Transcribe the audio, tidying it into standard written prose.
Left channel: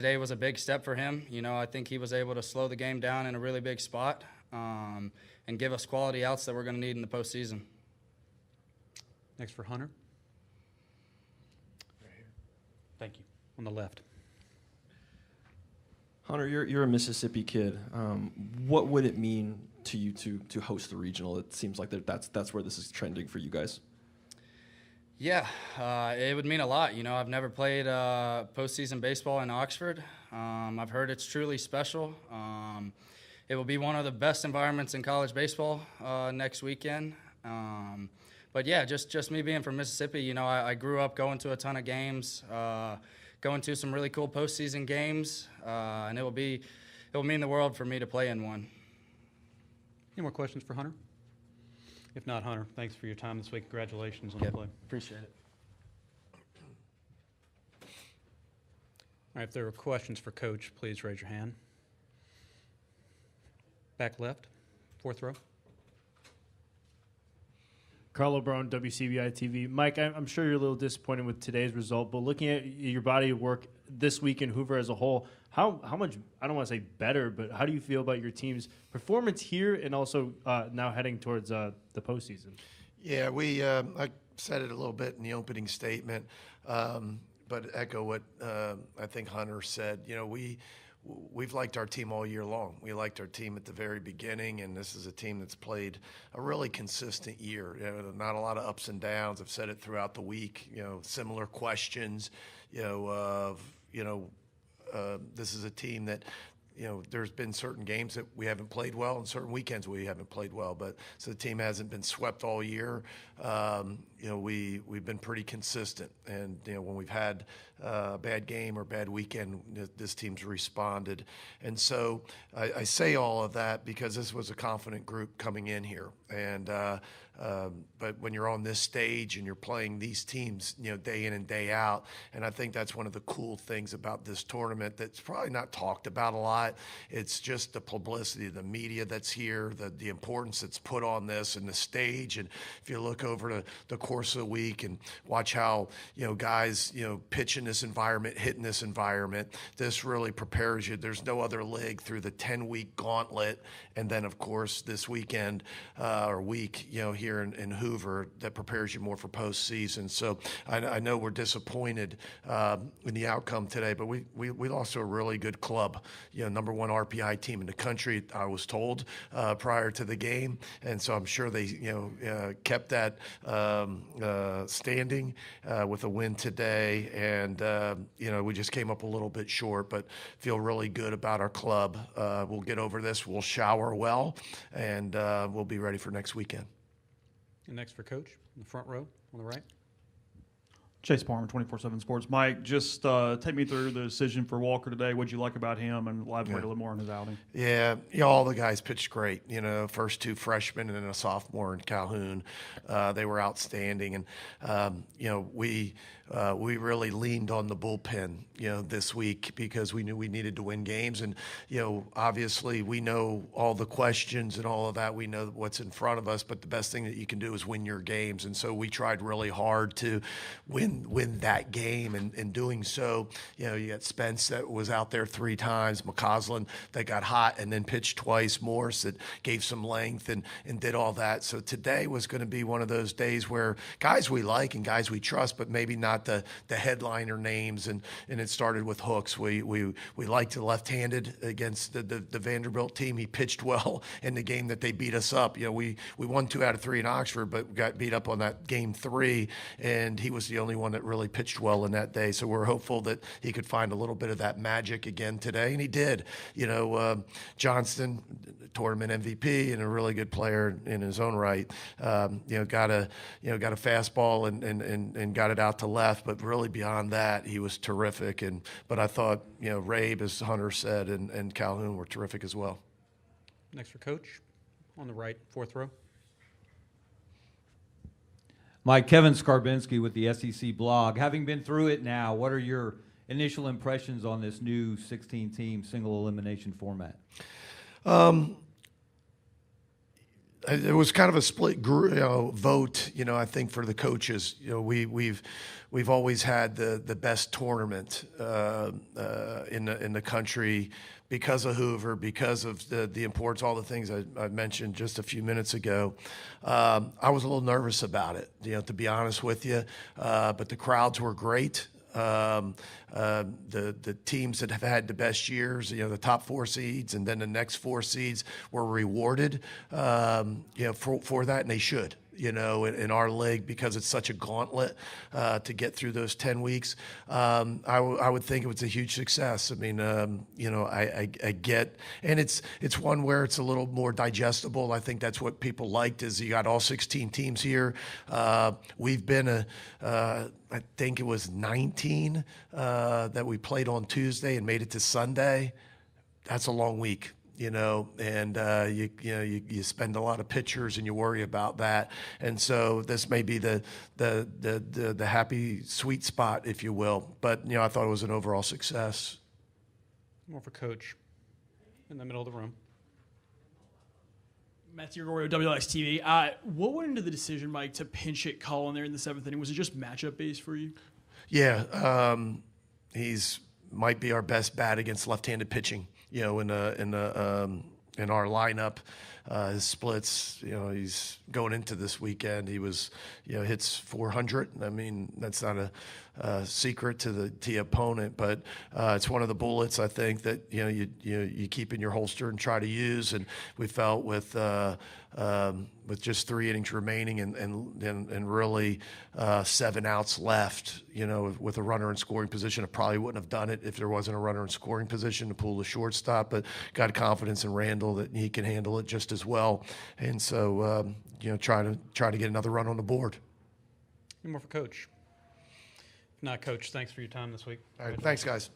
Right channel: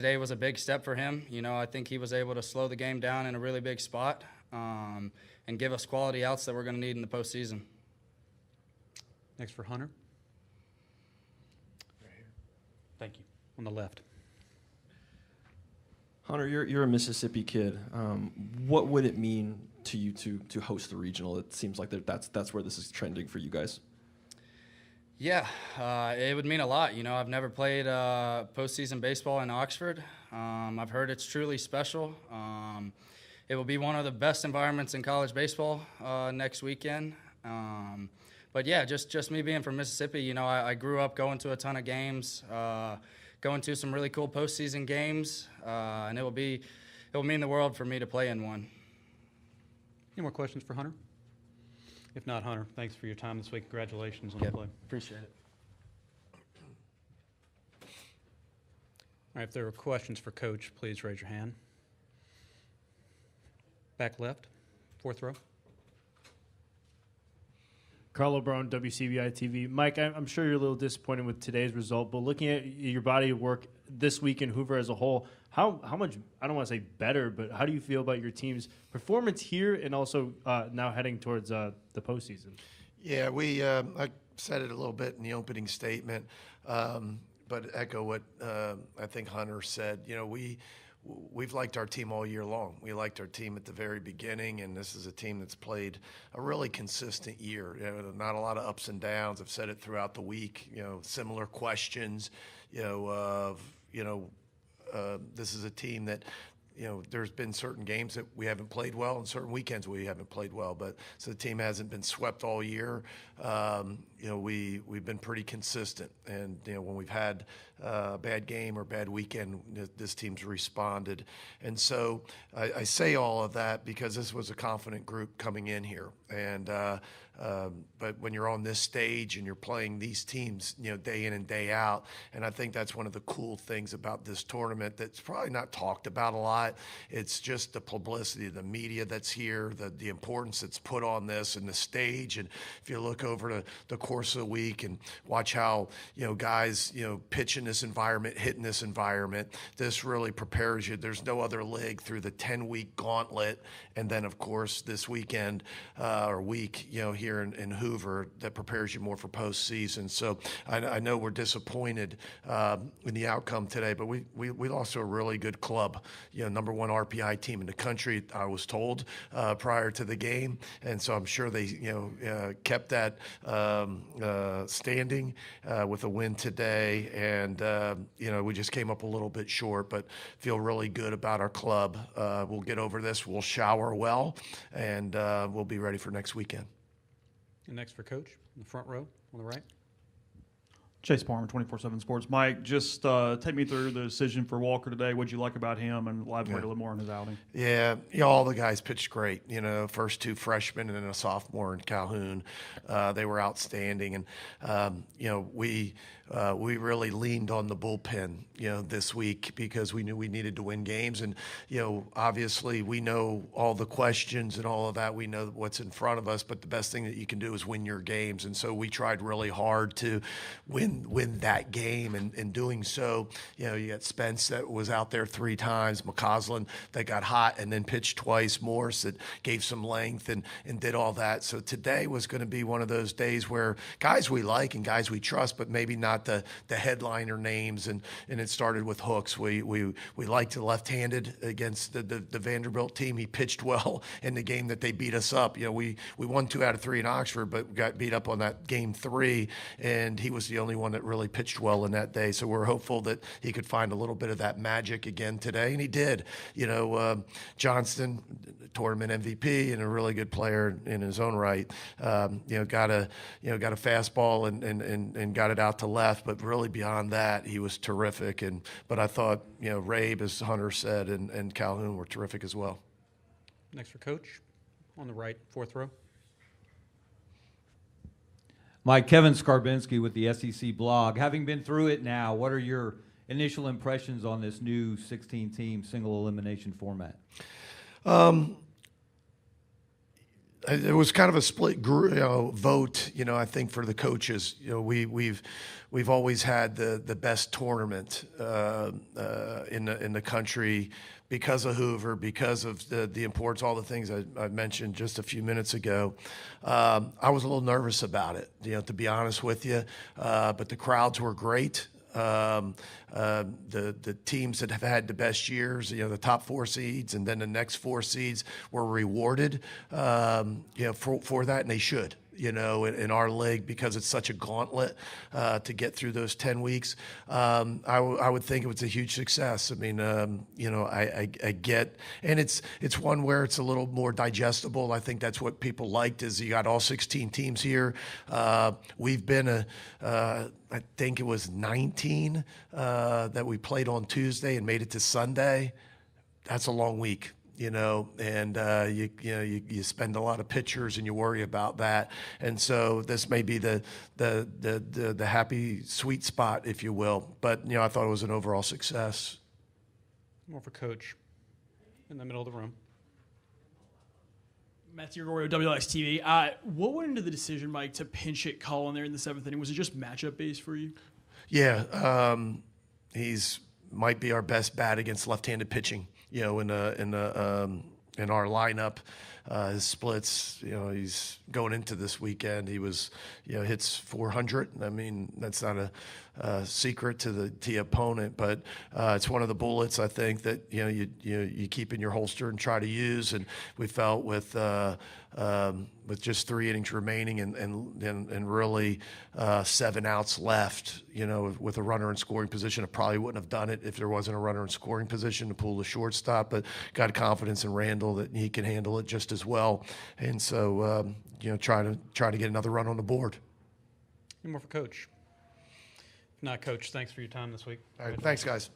Today was a big step for him. I think he was able to slow the game down in a really big spot and give us quality outs that we're going to need in the postseason. Next for Hunter. Thank you. On the left. Hunter, you're a Mississippi kid. What would it mean to you to host the regional? It seems like that's where this is trending for you guys. Yeah, it would mean a lot. I've never played postseason baseball in Oxford. I've heard it's truly special. It will be one of the best environments in college baseball next weekend. But yeah, just me being from Mississippi, I grew up going to a ton of games, going to some really cool postseason games, and it will mean the world for me to play in one. Any more questions for Hunter? If not, Hunter, thanks for your time this week. Congratulations on the play. Appreciate it. All right, if there are questions for Coach, please raise your hand. Back left, fourth row. Carlo Brown, WCBI TV. Mike, I'm sure you're a little disappointed with today's result, but looking at your body of work this week in Hoover as a whole, how much, I don't want to say better, but how do you feel about your team's performance here and also now heading towards the postseason? Yeah, I said it a little bit in the opening statement, but echo what I think Hunter said. We've liked our team all year long. We liked our team at the very beginning, and this is a team that's played a really consistent year. Not a lot of ups and downs. I've said it throughout the week. Similar questions. This is a team that, there's been certain games that we haven't played well and certain weekends we haven't played well. But so the team hasn't been swept all year. We've been pretty consistent, and when we've had a bad game or bad weekend, this team's responded. And so I say all of that because this was a confident group coming in here, and but when you're on this stage and you're playing these teams, day in and day out, and I think that's one of the cool things about this tournament that's probably not talked about a lot. It's just the publicity, the media that's here, the importance that's put on this and the stage. And if you look over the course of the week and watch how guys pitch in this environment, hit in this environment, this really prepares you. There's no other league through the 10-week gauntlet, and then of course this weekend or week here in Hoover that prepares you more for postseason. So I know we're disappointed in the outcome today, but we lost to a really good club, number one RPI team in the country, I was told prior to the game, and so I'm sure they kept that standing with a win today, and we just came up a little bit short, but feel really good about our club. We'll get over this. We'll shower well, and we'll be ready for next weekend. And next for Coach, in the front row on the right. Chase Palmer, 24/7 Sports. Mike, just take me through the decision for Walker today. What'd you like about him, and elaborate a little more on his outing? Yeah, all the guys pitched great. First two freshmen and then a sophomore in Calhoun. They were outstanding, and we really leaned on the bullpen, this week because we knew we needed to win games. And, obviously we know all the questions and all of that. We know what's in front of us, but the best thing that you can do is win your games. And so we tried really hard to win that game. And in doing so, you got Spence that was out there 3 times, McCausland that got hot and then pitched twice, Morse that gave some length and did all that. So today was going to be one of those days where guys we like and guys we trust, but maybe not the headliner names, and it started with Hooks. We liked the left-handed against the Vanderbilt team. He pitched well in the game that they beat us up. We won 2 out of 3 in Oxford, but got beat up on that game 3, and he was the only one that really pitched well in that day. So we're hopeful that he could find a little bit of that magic again today, and he did. Johnston, tournament MVP and a really good player in his own right. Got a fastball and got it out to left, but really beyond that, he was terrific. But I thought, Rabe, as Hunter said, and Calhoun were terrific as well. Next for Coach, on the right, fourth row. Mike, Kevin Skarbinski with the SEC blog. Having been through it now, what are your initial impressions on this new 16-team single elimination format? it was kind of a split vote. I think for the coaches, we've always had the best tournament in the country because of Hoover, because of the importance, all the things I mentioned just a few minutes ago. I was a little nervous about it, to be honest with you, but the crowds were great. The teams that have had the best years, the top 4 seeds and then the next 4 seeds were rewarded, for that, and they should. In our league, because it's such a gauntlet to get through those 10 weeks. I would think it was a huge success. I mean, I get, and it's one where it's a little more digestible. I think that's what people liked, is you got all 16 teams here. We've been I think it was 19 that we played on Tuesday and made it to Sunday. That's a long week. And you spend a lot of pictures and you worry about that, and so this may be the happy sweet spot, if you will. But I thought it was an overall success. More for Coach in the middle of the room. Matthew Arroyo, WLX-TV. What went into the decision, Mike, to pinch hit Colin there in the 7th inning? Was it just matchup based for you? Yeah, he's might be our best bat against left-handed pitching. In our lineup, his splits. He's going into this weekend. He was, hits 400. I mean, that's not a secret to the opponent, but it's one of the bullets I think that you keep in your holster and try to use. And we felt with just 3 innings remaining and really 7 outs left, with a runner in scoring position, I probably wouldn't have done it if there wasn't a runner in scoring position to pull the shortstop, but got confidence in Randall that he can handle it just as well. And so, try to get another run on the board. More for Coach. If not, Coach, thanks for your time this week. All right, thanks, guys.